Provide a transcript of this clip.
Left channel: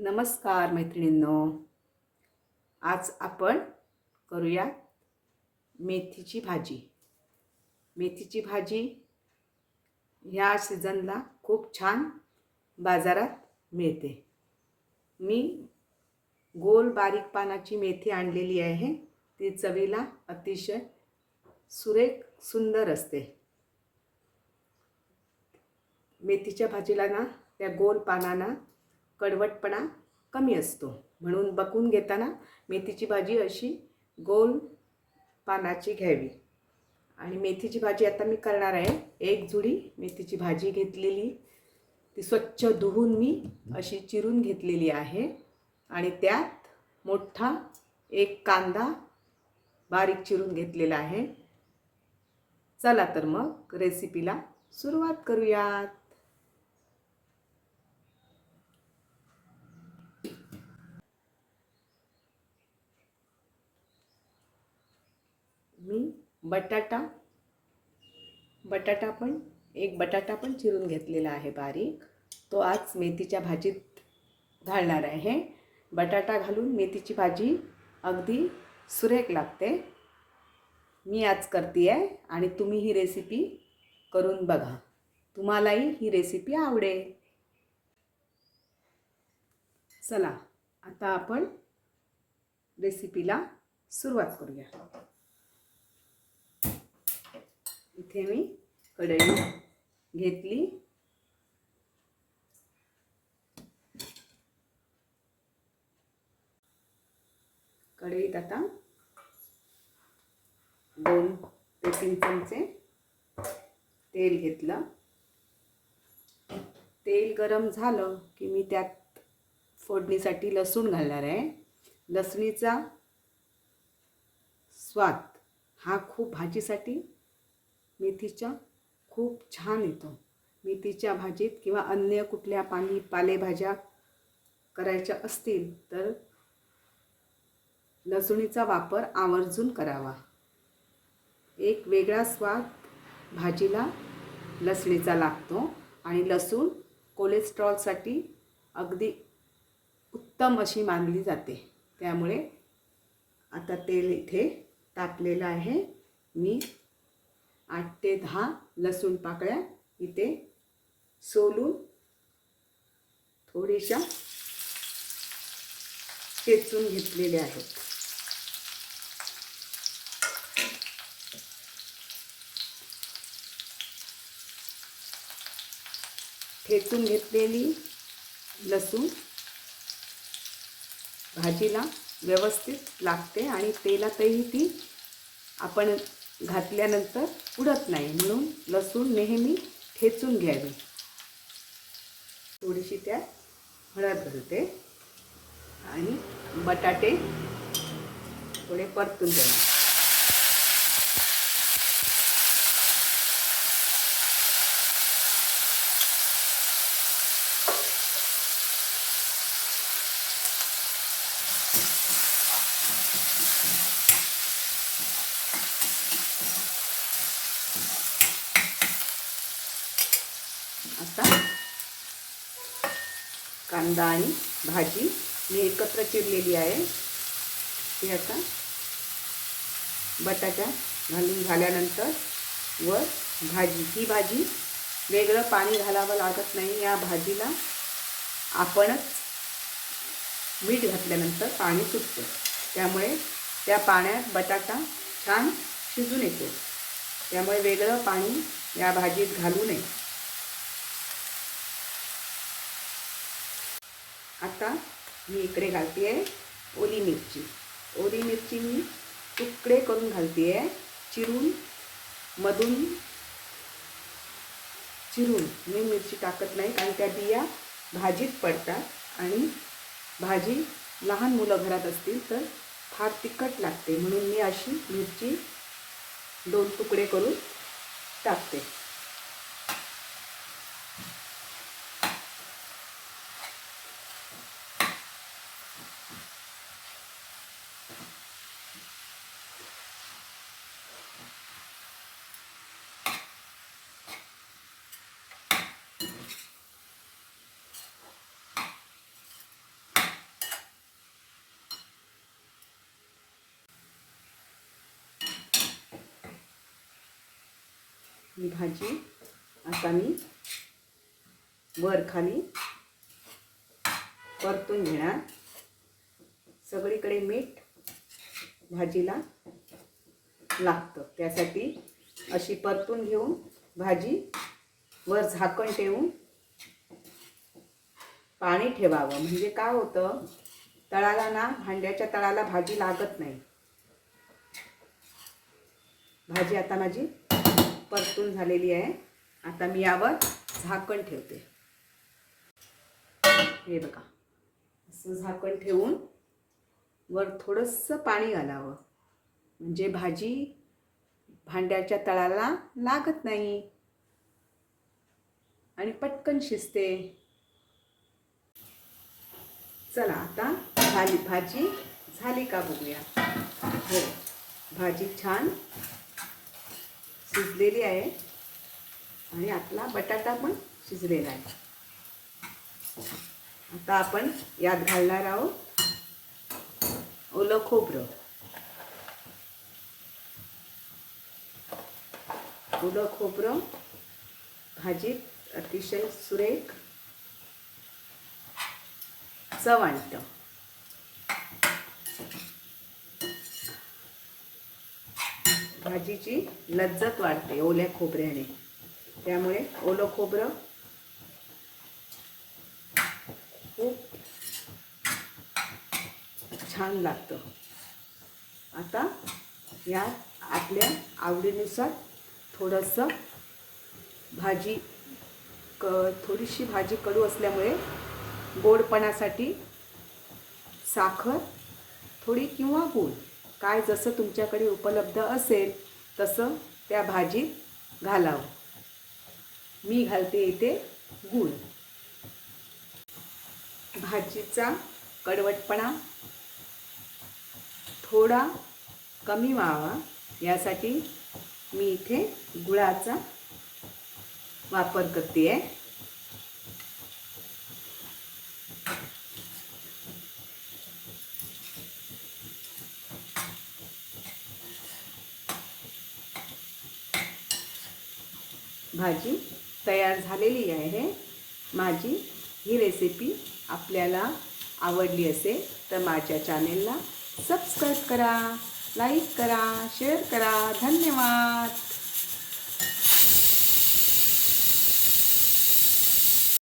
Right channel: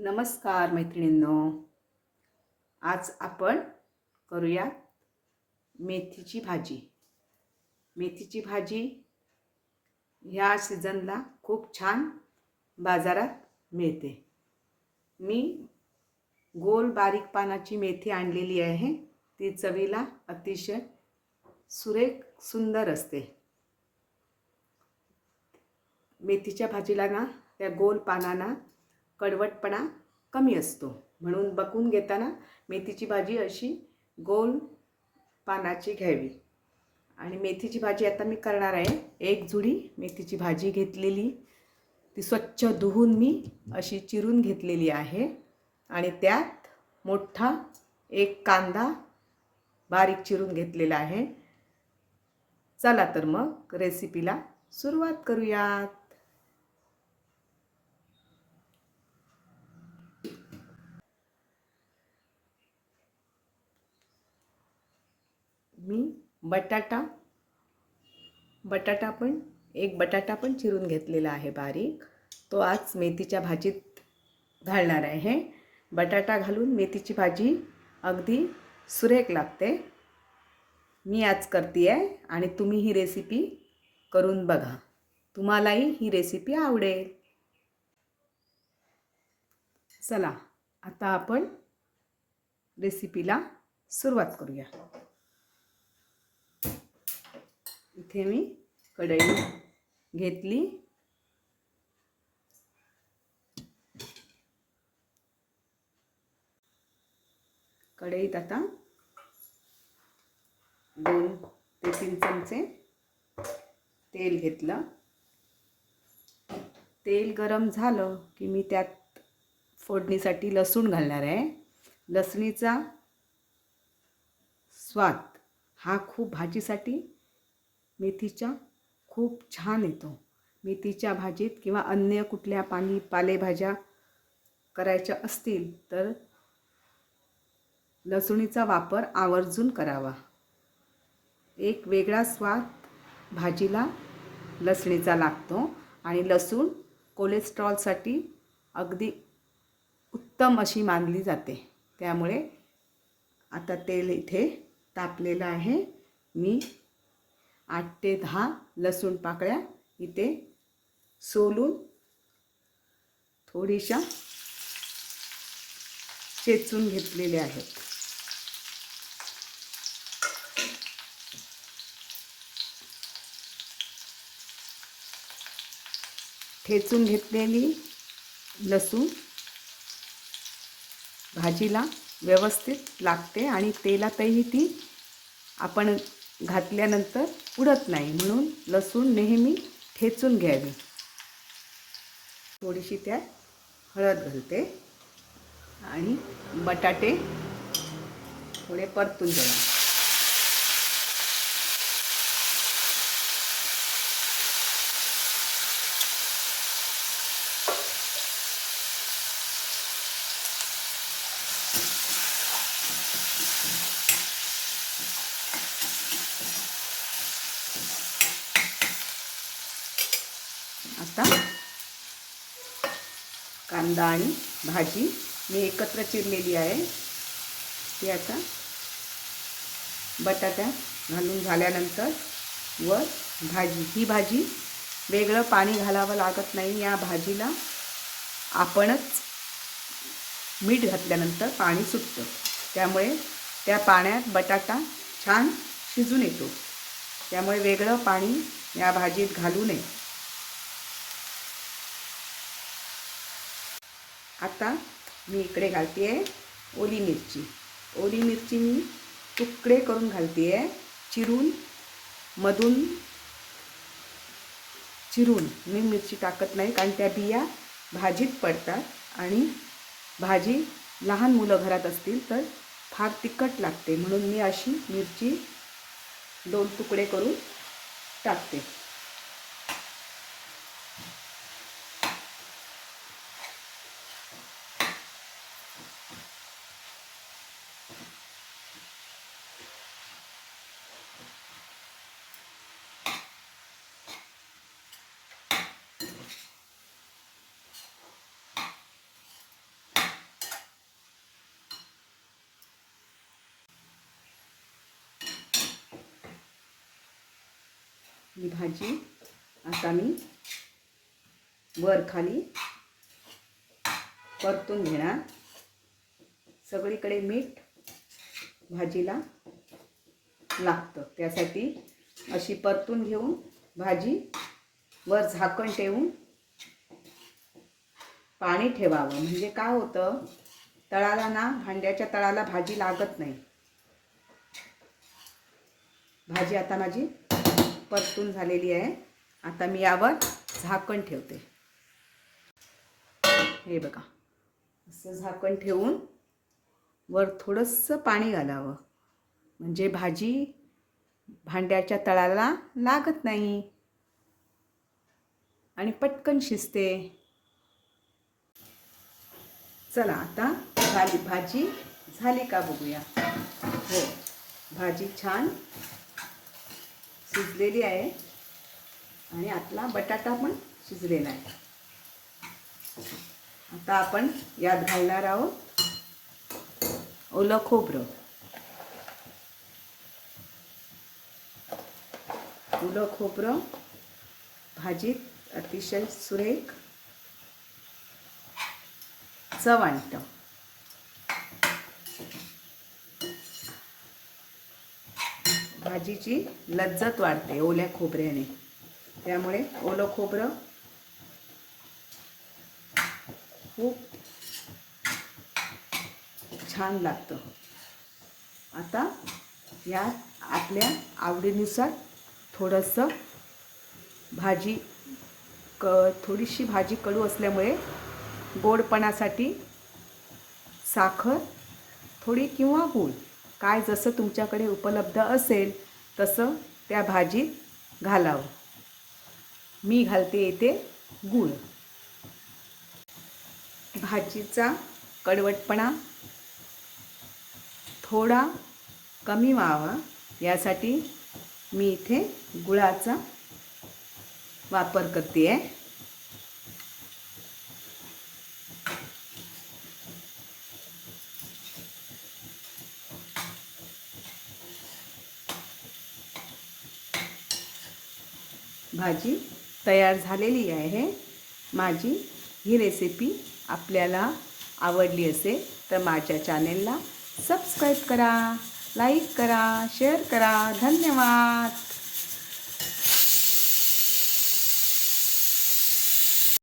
नमस्कार मैत्रिणींनो. आज आपण करूया मेथीची भाजी. मेथीची भाजी ह्या सीझनला खूप छान बाजारात मिळते. मी गोल बारीक पानाची मेथी आणलेली आहे. ती चवीला अतिशय सुरेख सुंदर असते. मेथीच्या भाजीला ना त्या गोल पानांना कडवटपणा कमी असतो, म्हणून बघून घेताना मेथीची भाजी अशी गोल पानाची घ्यावी. आणि मेथीची भाजी आता मी करणार आहे. एक जुडी मेथीची भाजी घेतलेली, ती स्वच्छ धुवून मी अशी चिरून घेतलेली आहे. आणि त्यात मोठा एक कांदा बारीक चिरून घेतलेला आहे. चला तर मग रेसिपीला सुरुवात करूयात. मी बटाटा पण चिरून घेतलेला आहे बारीक. तो आज मेथीच्या भाजीत घालणार आहे. बटाटा घालून मेथीची भाजी अगदी सुरेख लागते. मी आज करते आहे आणि तुम्ही ही रेसिपी करून बघा. तुम्हालाही ही रेसिपी आवडेल. चला आता आपण रेसिपीला सुरुवात करूया. इथे मी कढई घेतली. कढईत आता 2 ते 3 चमचे तेल घेतलं. तेल गरम झालं की मी त्यात फोडणीसाठी लसूण घालणार आहे. लसणीचा स्वाद हा खूप भाजीसाठी मेथीच्या खूप छान येतो. मेथीच्या भाजीत किंवा अन्य कुठल्या पालेभाज्या करायच्या असतील तर लसूणीचा वापर आवर्जून करावा. एक वेगळा स्वाद भाजीला लसणीचा लागतो आणि लसूण कोलेस्ट्रॉलसाठी अगदी उत्तम अशी मानली जाते. त्यामुळे आता तेल इथे तापलेलं आहे. मी 8 ते 10 लसूण पाकळ्या इथे सोलून थोड्याशा चेचून घेतलेल्या आहेत. ठेचून घेतलेली लसूण भाजीला व्यवस्थित लागते आणि तेलातही ती आपण घातल्यानंतर उडत नाही, म्हणून लसूण नेहमी ठेचून घ्यावी. थोडीशी त्यात हळद घालते आणि बटाटे थोडे परतून घ्यावे. आता कांदा आणि भाजी मी एकत्र चिरलेली आहे. ती आता बटाटा घालून झाल्यानंतर व ही भाजी वेगळं पाणी घालावं लागत नाही. या भाजीला आपणच मीठ घातल्यानंतर पाणी सुटतं, त्यामुळे त्या पाण्यात बटाटा छान शिजून येतो. त्यामुळे वेगळं पाणी या भाजीत घालू नये. आता मी इकडे घालते आहे ओली मिरची. ओली मिरची मी तुकडे करून घालते आहे. मधून चिरून मी मिरची टाकत नाही, कारण त्या बिया भाजीत पडतात आणि भाजी लहान मुलं घरात असतील तर फार तिखट लागते, म्हणून मी अशी मिरची 2 तुकडे करून टाकते. ही भाजी आता मी वर खाली परतून घेणार. सगळीकडे मीठ भाजीला लागतं, त्यासाठी अशी परतून घेऊन भाजी वर झाकण ठेवून पाणी ठेवावं. म्हणजे काय होतं, तळाला ना, भांड्याच्या तळाला भाजी लागत नाही. भाजी आता माझी परतून झालेली आहे. आता मी यावर झाकण ठेवते. हे बघा, असं झाकण ठेवून वर थोडंसं पाणी घालावं, म्हणजे भाजी भांड्याच्या तळाला लागत नाही आणि पटकन शिजते. चला आता भाजी झाली का बघूया. हो, भाजी छान शिजलेली आहे आणि आतला बटाटा पण शिजलेला आहे. आता आपण यात घालणार आहोत ओलं खोबरं. ओलं खोबरं भाजीत अतिशय सुरेख चव आणतं. भाजीची लज्जत वाढते ओल्या खोबऱ्याने, त्यामुळे ओलं खोबरं खूप छान लागतं. आता यात आपल्या आवडीनुसार थोडंसं थोडीशी भाजी कडू असल्यामुळे गोडपणासाठी साखर थोडी किंवा गूळ, काय जसं तुमच्याकडे उपलब्ध असेल तसं त्या भाजीत घालावं. मी घालते इथे गूळ. भाजीचा कडवटपणा थोडा कमी व्हावा यासाठी मी इथे गुळाचा वापर करते आहे. भाजी तयार झालेली आहे माझी. ही रेसिपी आपल्याला आवडली असेल तर माझ्या चॅनेलला सबस्क्राईब करा, लाईक करा, शेअर करा. धन्यवाद.